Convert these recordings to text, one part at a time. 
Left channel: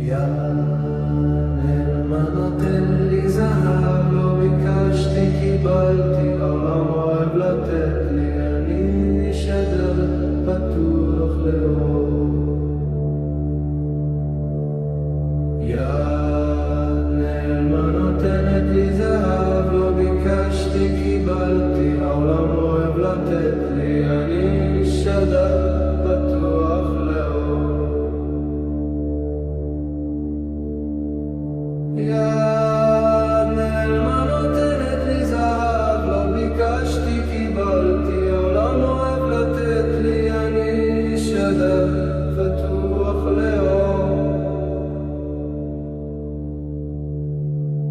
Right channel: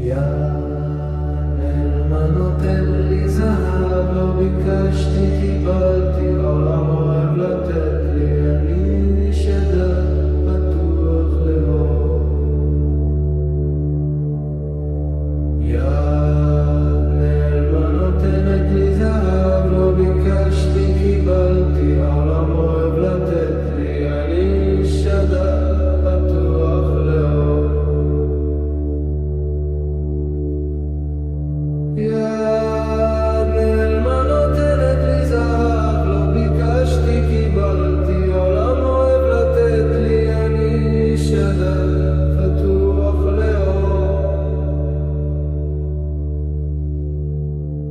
יענל מה נותן לי זהב, לא ביקשתי קיבלתי, העולם אוהב לתת לי, אני שדר פתוח לאור. יענל מה נותנת לי זהב, לא ביקשתי קיבלתי, העולם אוהב לתת לי, אני שדר פתוח לאור. יד נעלמה נותנת לי זהב, לא ביקשתי קיבלתי, העולם אוהב לתת לי, אני שדר פתוח לאור.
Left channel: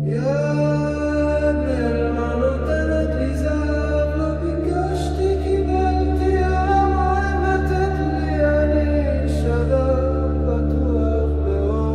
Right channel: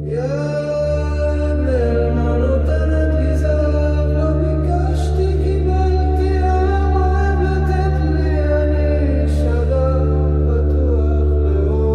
יד נעלמה נותנת לי זהב, לא ביקשתי קיבלתי, העולם אוהב לתת לי, אני שדר פתוח לאור.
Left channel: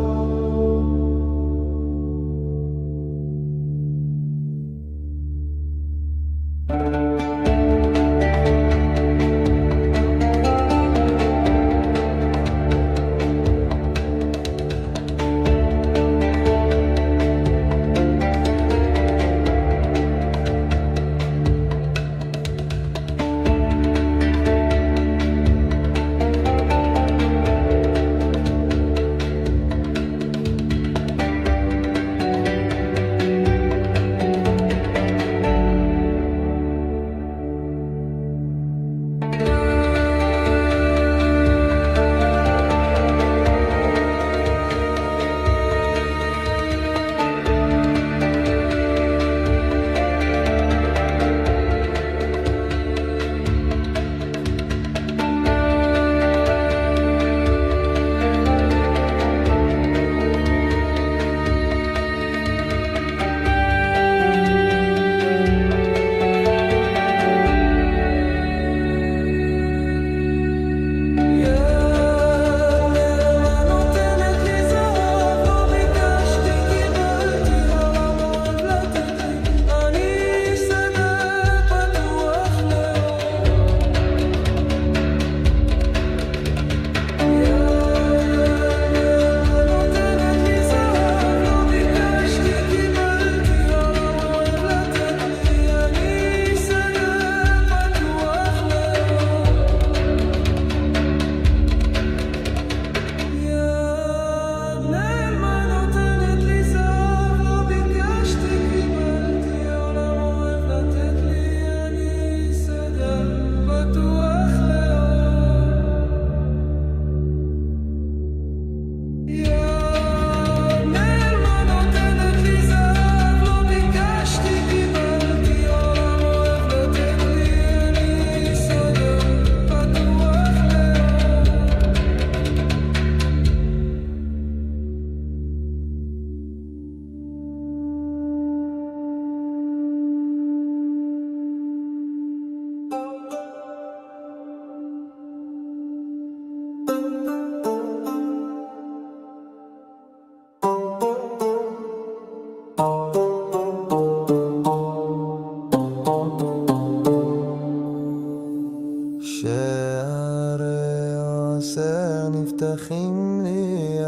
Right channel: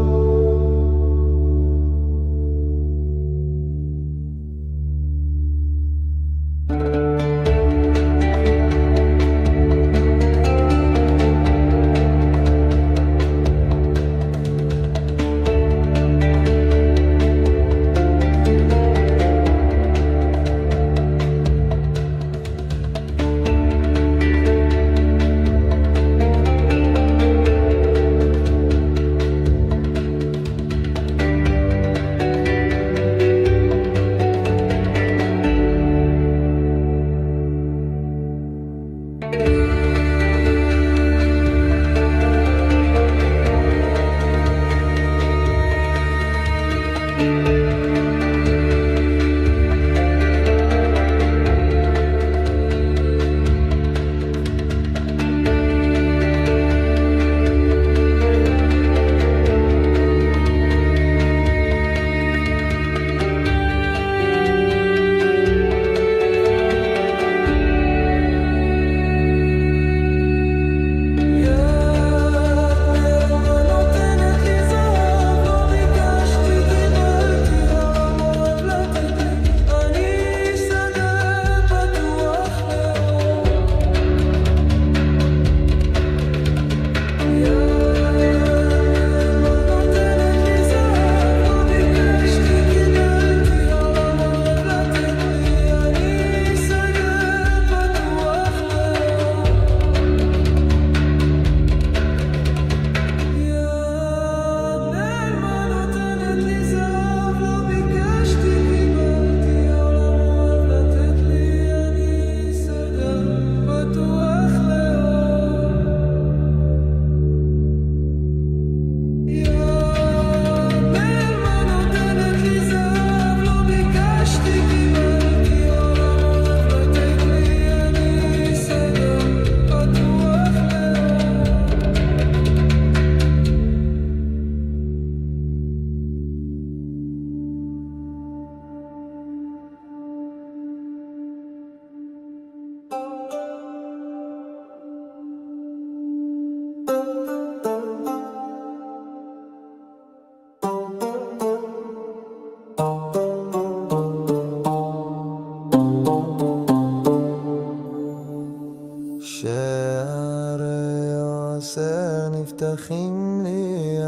שערי עושר נפתחים לי,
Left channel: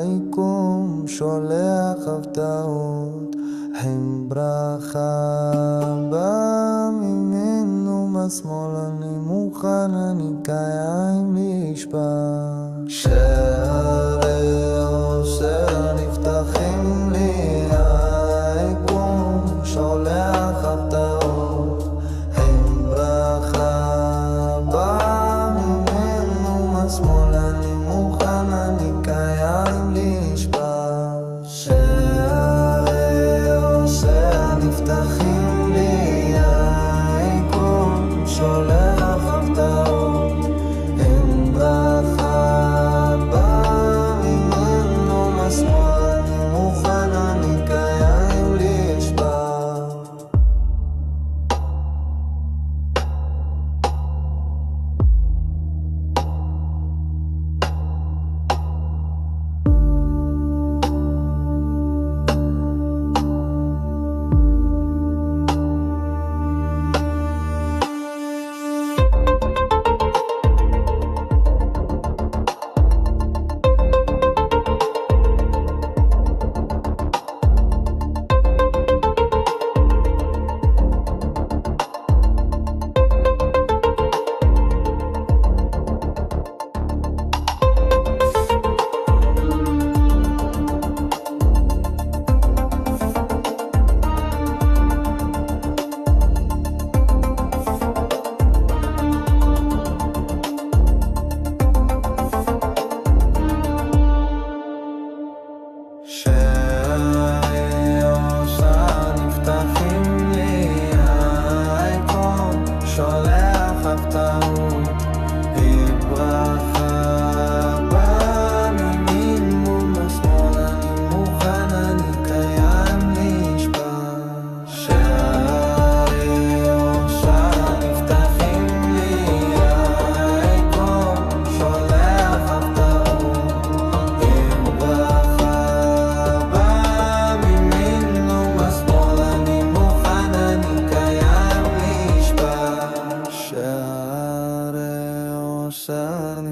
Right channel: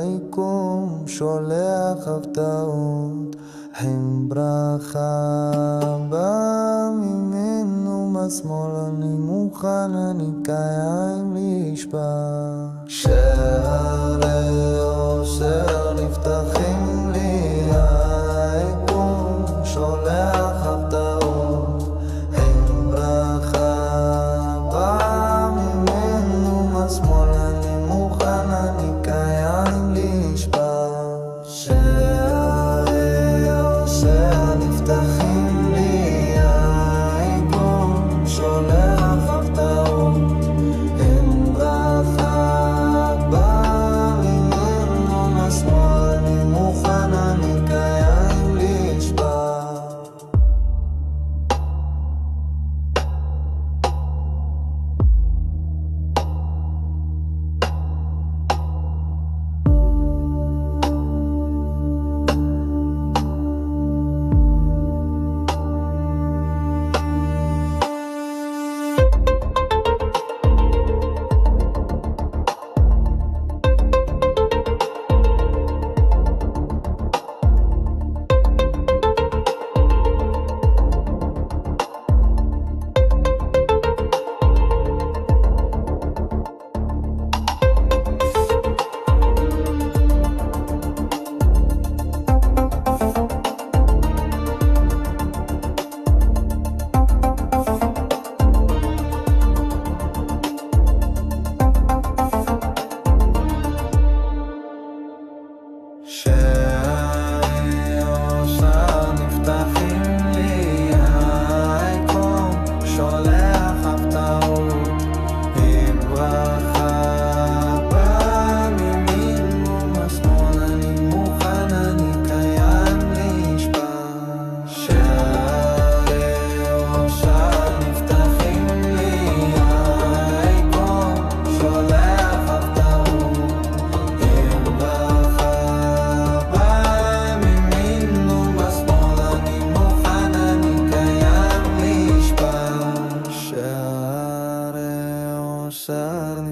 היקום שולח הפתעות, עם ברכה בא ממנו מהשמאל, אני מוכן, אני קיים לשפע. שערי עושר נפתחים לי, היקום שולח הפתעות, עם ברכה בא ממנו מהשמאל, אני מוכן, אני קיים לשפע. שערי עושר נפתחים לי, היקום שולח הפתעות, עם ברכה בא ממנו מהשמאל, אני מוכן, אני קיים לשפע.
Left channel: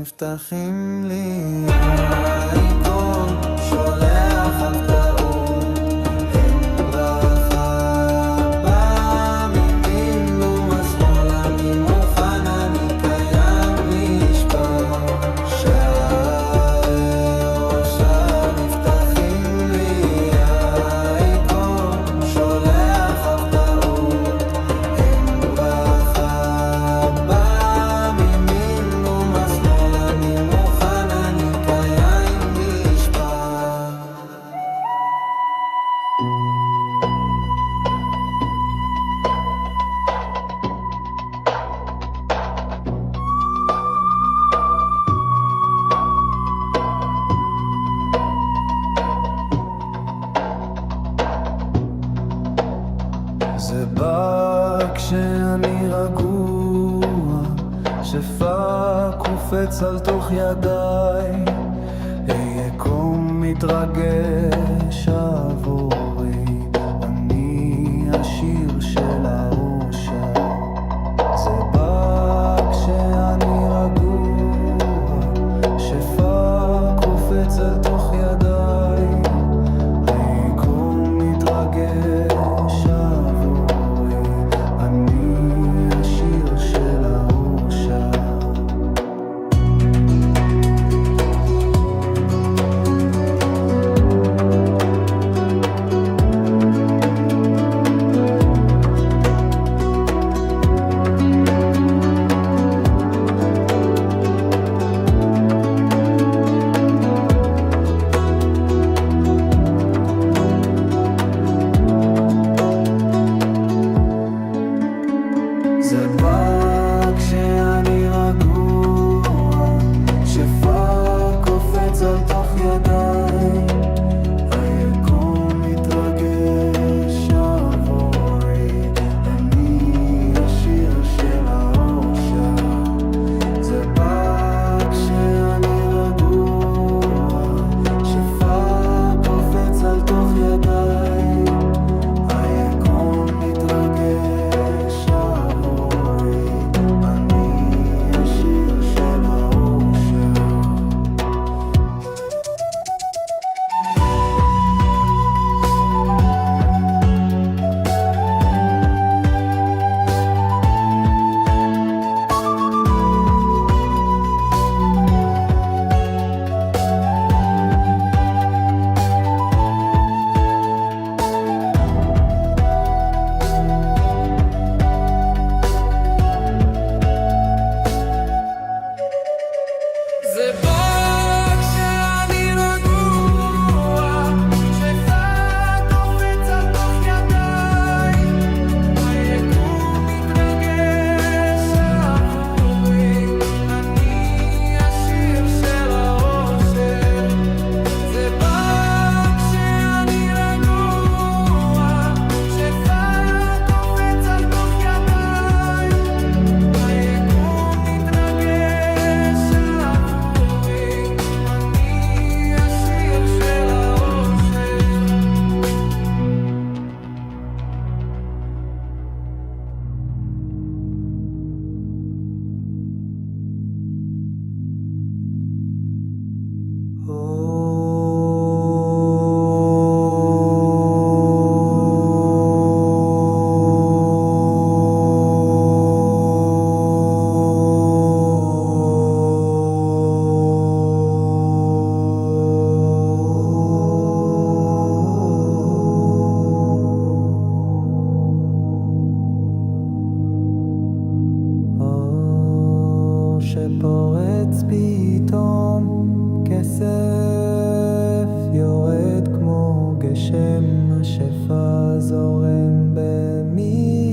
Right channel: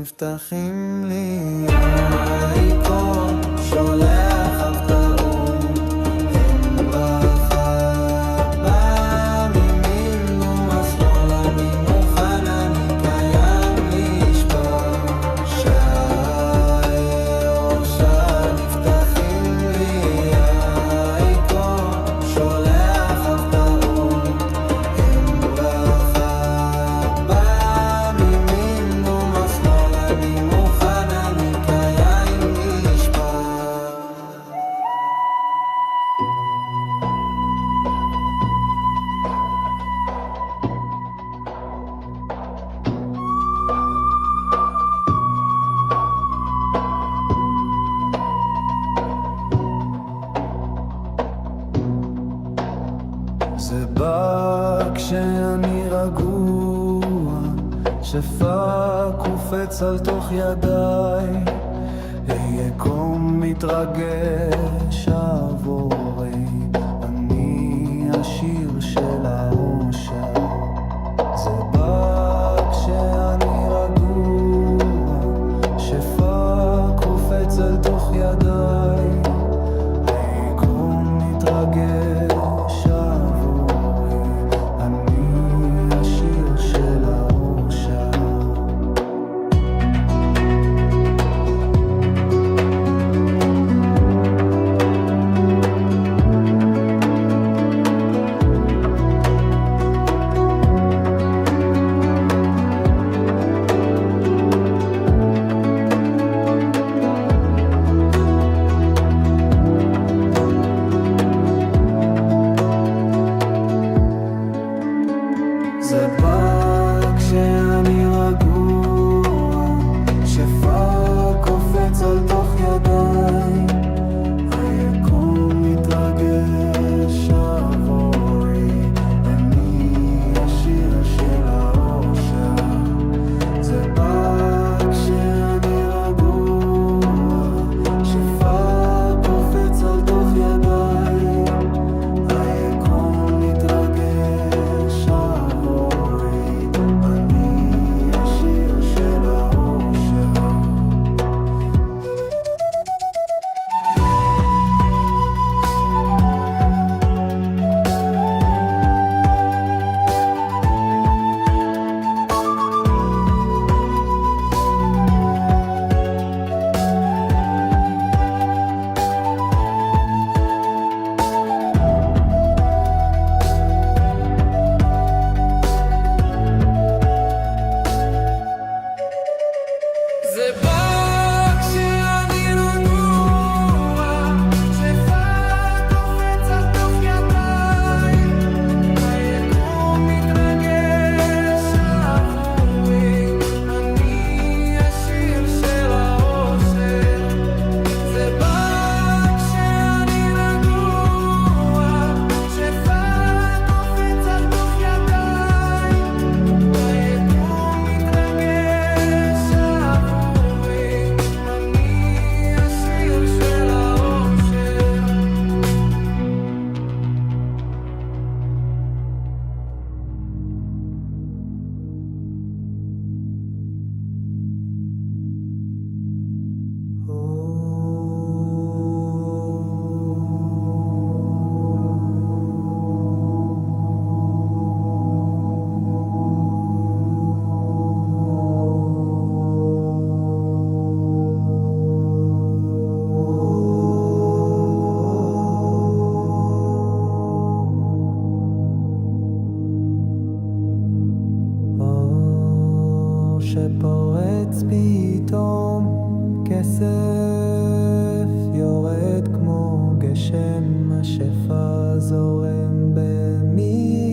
נפתחים לי העיקון, שולח הפתעות עם ברכה, בא מימין ומשמאל, אני מוכן, אני קיים לשפר, שהאושר נפתחים לי העיקון, שולח הפתעות עם ברכה, בא מימין ומשמאל, אני מוכן, אני קיים לשפר. זה בא כשאני רגוע, שפע קופץ על תוך ידיי, היקום מתרגש עבורי, אני השיר של האושר. זה בא כשאני רגוע, שפע קופץ על תוך ידיי, היקום מתרגש עבורי, אני השיר של האושר. זה בא כשאני רגוע, שפע קופץ על תוך ידיי, היקום מתרגש עבורי, אני השיר של האושר. זה בא כשאני רגוע, שפע קופץ על תוך ידיי, היקום מתרגש עבורי, אני השיר של האושר. זה בא כשאני רגוע, שפע קופץ על תוך ידיי, היקום מתרגש עבורי, אני השיר של האושר. זה בא כשאני רגוע, שפע קופץ על תוך ידיי, היקום מתרגש עבורי, אני השיר של האושר. אור שפורץ פתאום, כסף יורד כמו גשם, השפע זורם במי